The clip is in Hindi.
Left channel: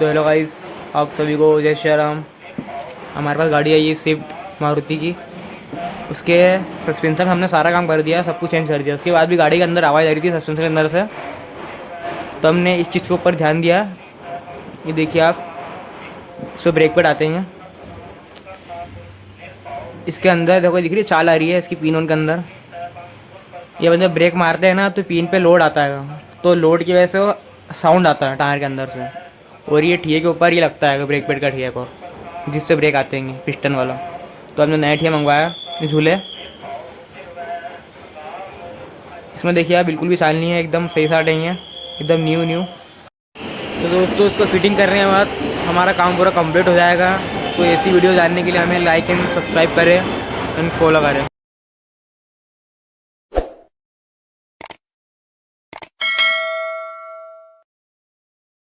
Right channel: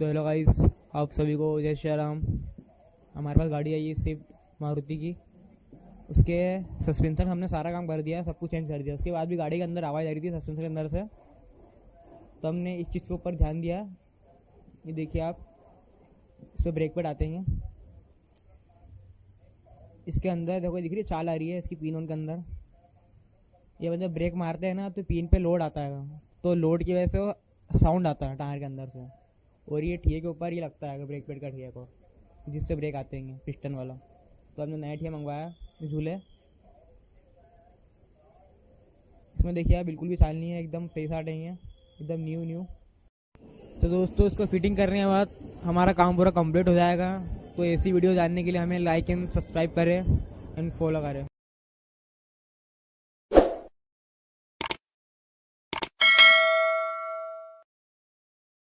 तो हेलो गाइस, आप सभी को जय श्री राम। हमारे पास गाड़ी आई है स्विफ्ट मारुति की। उसके सस्पेंशन हमने सारा काम कर दिया, सब कुछ चेंज कर दिया। उसके बाद भी गाड़ी के अंदर आवाज़ आ रही थी सस्पेंशन के अंदर से, तो हमने इस चीज़ के ऊपर ध्यान दिया। ये देखिए आप, इस पर ब्रेक पैड आते हैं। इसके अंदर देखो, दिख रही है चाल आ रही है इसकी पिन ऑन के अंदर। ये मतलब ब्रेक मारते हैं ना तो पिन पे लोड आता है, तो लोड की वजह से वो साउंड आता है टायर के अंदर से। और ये ठिए के ऊपर ही लगता है ब्रेक पैड का ठिया को, जिससे ब्रेक आते हैं पिस्टन वाला। तो हमने नया ठिया मंगवाया झूले। इसमें देखिए आप, बिल्कुल भी चाल नहीं है, एकदम सही साट नहीं है, एकदम न्यू। तो दोस्तों, इसको फिटिंग करने के बाद हमारा काम पूरा कंप्लीट हो जाएगा। तो ऐसी वीडियो जानने के लिए हमें लाइक एंड सब्सक्राइब करें एंड फॉलो करें।